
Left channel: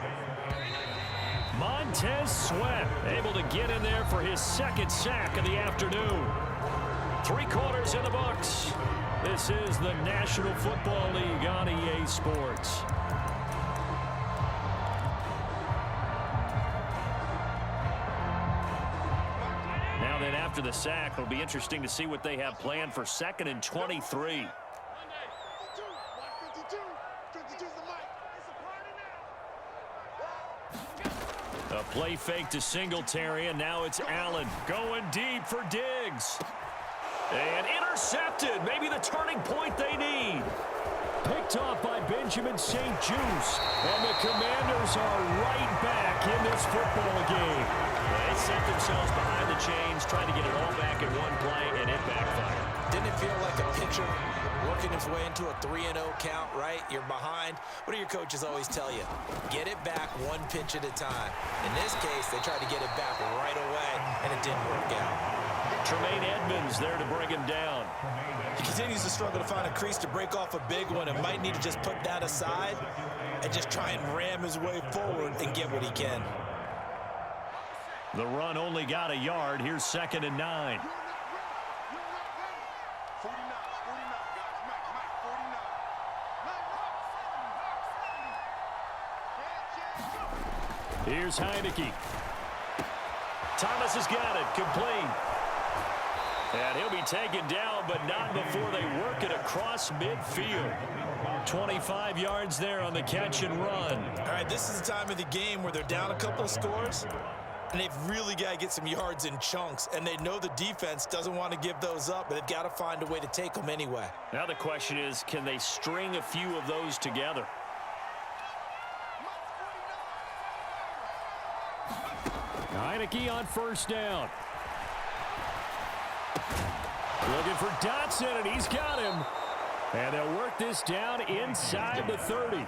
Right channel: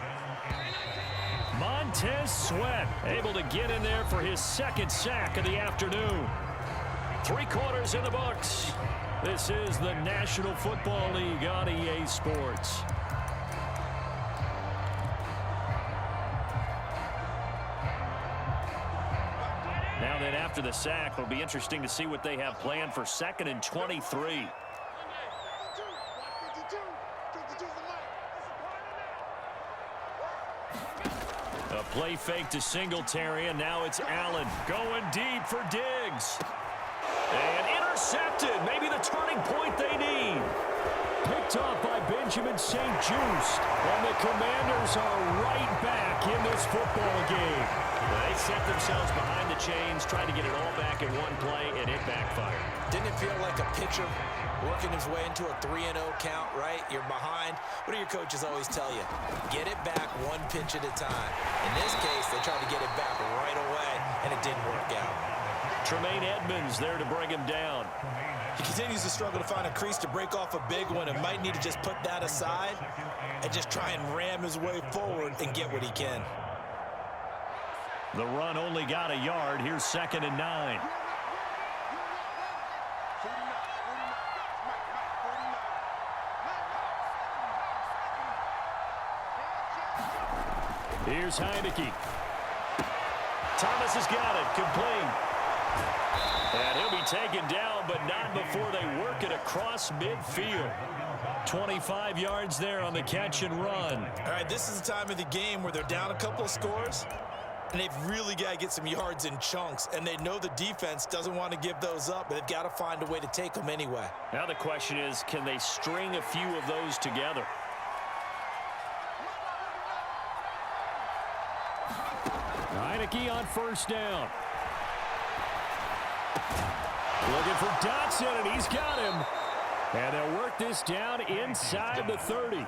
Montez Sweat able to get in there for his 2nd sack of the afternoon. 3 quarters in the books. This is the National Football League on EA Sports. Now then, after the sack, it'll be interesting to see what they have planned for 2nd and 23. A play fake to Singletary, and now it's Allen going deep for Diggs. And intercepted. Maybe the turning point they need. picked off by Benjamin St. Juice. And the Commanders are right back in this football game. They set themselves behind the chains, trying to get it all back in one play, and it backfired. Didn't it feel like a pitcher working his way into a 3-0 count, right? You're behind. What do your coaches always tell you? Get it back one pitch at a time. In this case, they tried to get it back right away, and it didn't work out. Tremaine Edmonds there to bring him down. He continues to struggle to find a crease to break off a big one and might need to just put that aside and just try and ram his way forward and get what he can. The run only got a yard. Here's 2nd and 9. 49, guys. Mike, 49. Here's Heinicke. Thomas has got it. Complete. And he'll be taken down, but not before they work it across midfield. 25 yards there on the catch and run. All right, this is the time of the game where they're down a couple of scores, and they've really got to get some yards in chunks, and they know the defense doesn't want to give those up, but they've got to find a way to take them anyway. Now the question is, can they string a few of those together? Heinicke on 1st down. Looking for Dotson, and he's got him. And they'll work this down inside the 30.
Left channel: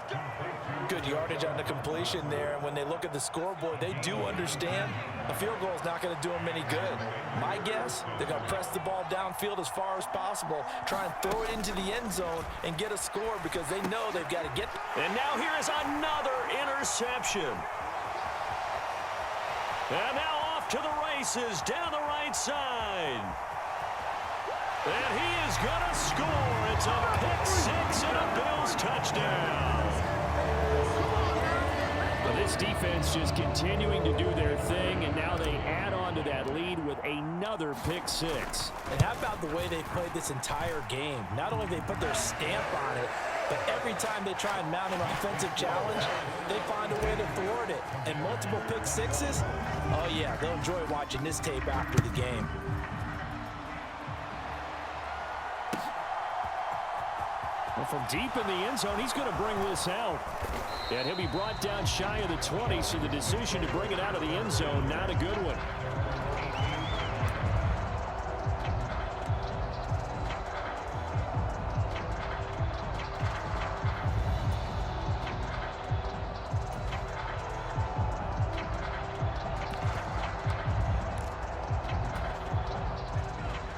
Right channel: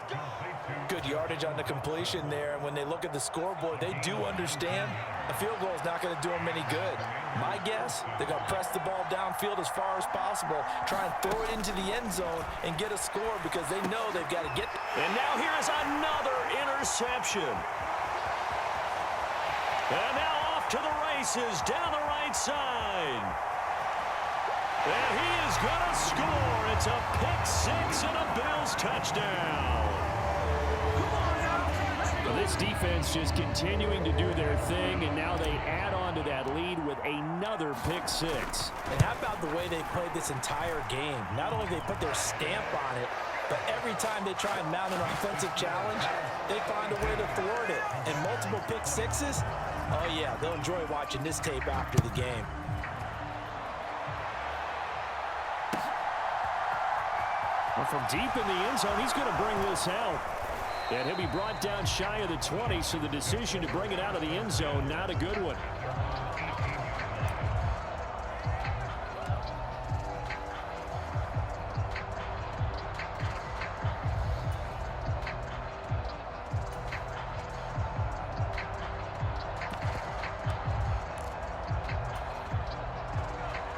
Good yardage on the completion there, and when they look at the scoreboard, they do understand a field goal is not going to do them any good. My guess, they're going to press the ball downfield as far as possible, try and throw it into the end zone and get a score because they know they've got to get. And now here is another interception. And now off to the races down the right side. And he is going to score. It's a pick-6 and a Bills touchdown. Well, this defense just continuing to do their thing, and now they add on to that lead with another pick-6. And how about the way they played this entire game? Not only they put their stamp on it, but every time they try and mount an offensive challenge, they find a way to thwart it. And multiple pick-6s, oh yeah, they'll enjoy watching this tape after the game. Well, from deep in the end zone, he's going to bring this out. And he'll be brought down shy of the 20, so the decision to bring it out of the end zone, not a good one.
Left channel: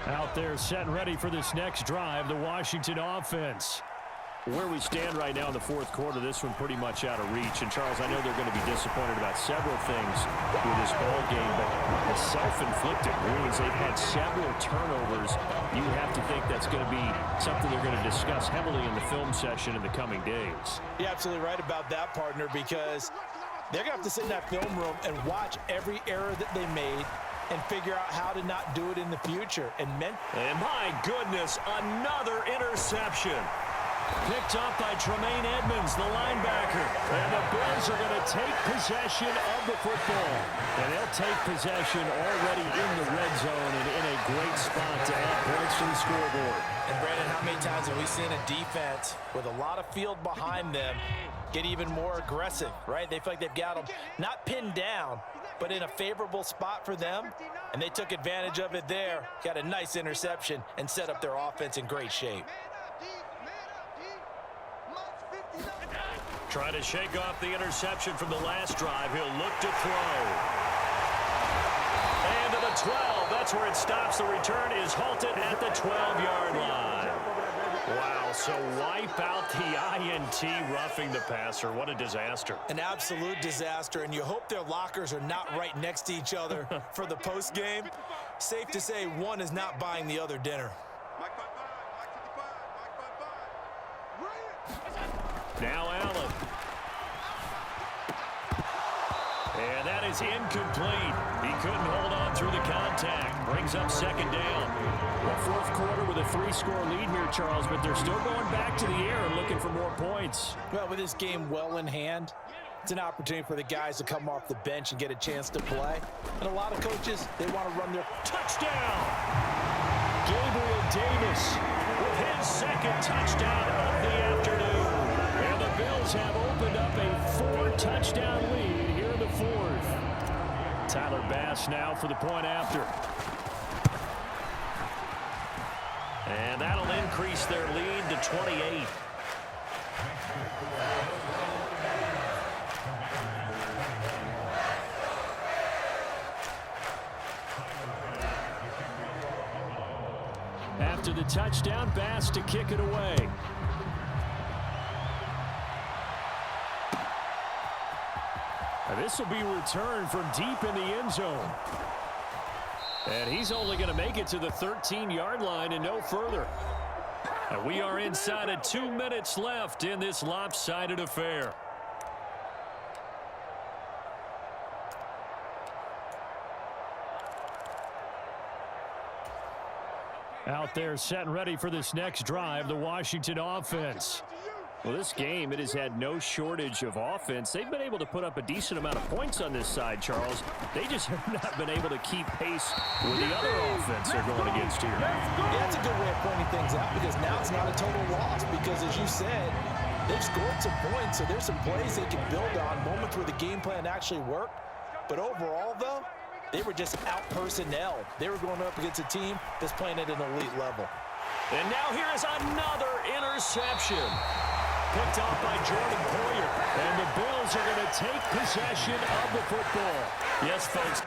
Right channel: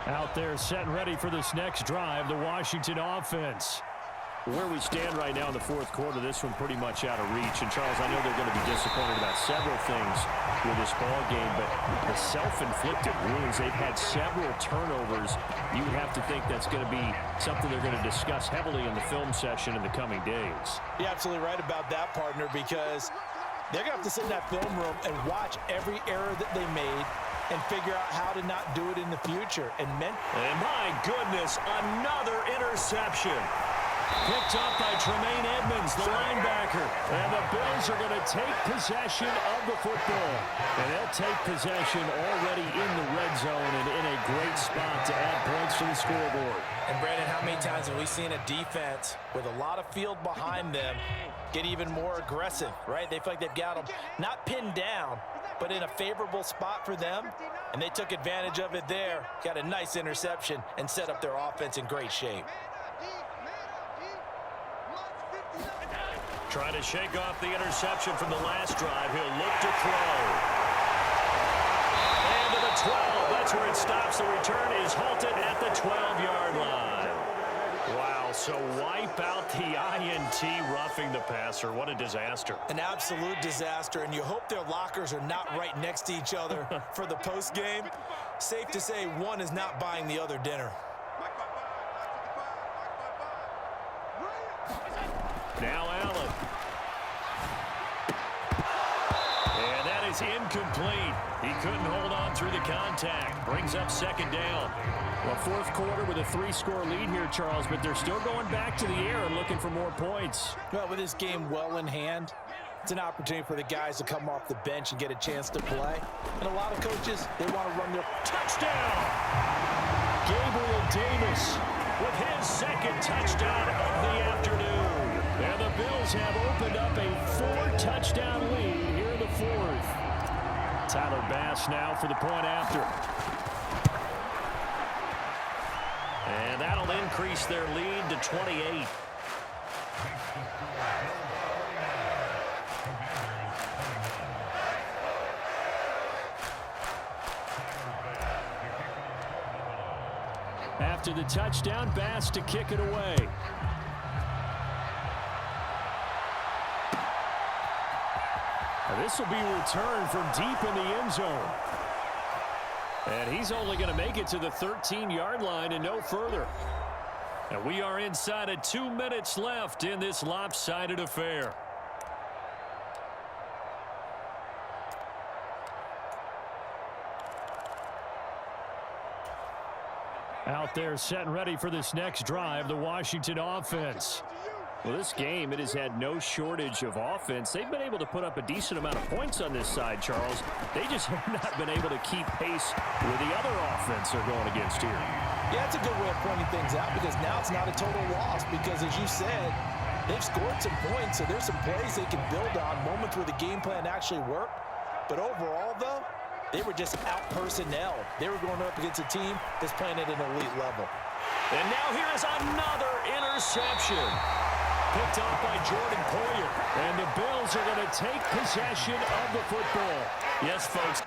Out there set and ready for this next drive, the Washington offense. Where we stand right now in the 4th quarter, this one pretty much out of reach. And, Charles, I know they're going to be disappointed about several things with this ball game, but the self-inflicted wounds, they've had several turnovers. You have to think that's going to be something they're going to discuss heavily in the film session in the coming days. You're absolutely right about that, partner, because they're going to have to sit in that film room and watch every error that they made and figure out how to not do it in the future. And my goodness, another interception. Picked up by Tremaine Edmonds, the linebacker. And the Bills are going to take possession of the football. And they'll take possession already in the red zone and in a great spot to add points to the scoreboard. And, Brandon, how many times have we seen a defense with a lot of field behind them get even more aggressive, right? They feel like they've got them not pinned down, but in a favorable spot for them, and they took advantage of it there, got a nice interception, and set up their offense in great shape. Trying to shake off the interception from the last drive. He'll look to throw. And to the 12. That's where it stops. The return is halted at the 12-yard line. Wow, so wipe out the INT, roughing the passer. What a disaster. An absolute disaster, and you hope their lockers are not right next to each other for the post game. Safe to say one is not buying the other dinner. Mike 5-5, Mike 55, Mike 5-5. Now Allen. And that is incomplete. He couldn't hold on through the contact. Brings up 2nd down. Well, 4th quarter with a 3-score lead here, Charles, but they're still going back to the air and looking for more points. Well, with this game well in hand, it's an opportunity for the guys to come off the bench and get a chance to play. And a lot of coaches, they want to run their touchdown. Gabriel Davis with his second touchdown of the afternoon. And the Bills have opened up a 4-touchdown lead here in the fourth. Tyler Bass now for the point after. And that'll increase their lead to 28. After the touchdown, Bass to kick it away. This will be returned from deep in the end zone. And he's only going to make it to the 13-yard line and no further. And we are inside of 2 minutes left in this lopsided affair. Out there set and ready for this next drive, the Washington offense. Well, this game, it has had no shortage of offense. They've been able to put up a decent amount of points on this side, Charles. They just have not been able to keep pace with the other offense they're going against here. Yeah, that's a good way of pointing things out because now it's not a total loss because, as you said, they've scored some points, so there's some plays they can build on, moments where the game plan actually worked. But overall, though, they were just out-personnel. They were going up against a team that's playing at an elite level. And now here is another interception. Picked off by Jordan Poyer. And the Bills are going to take possession of the football. Yes, folks.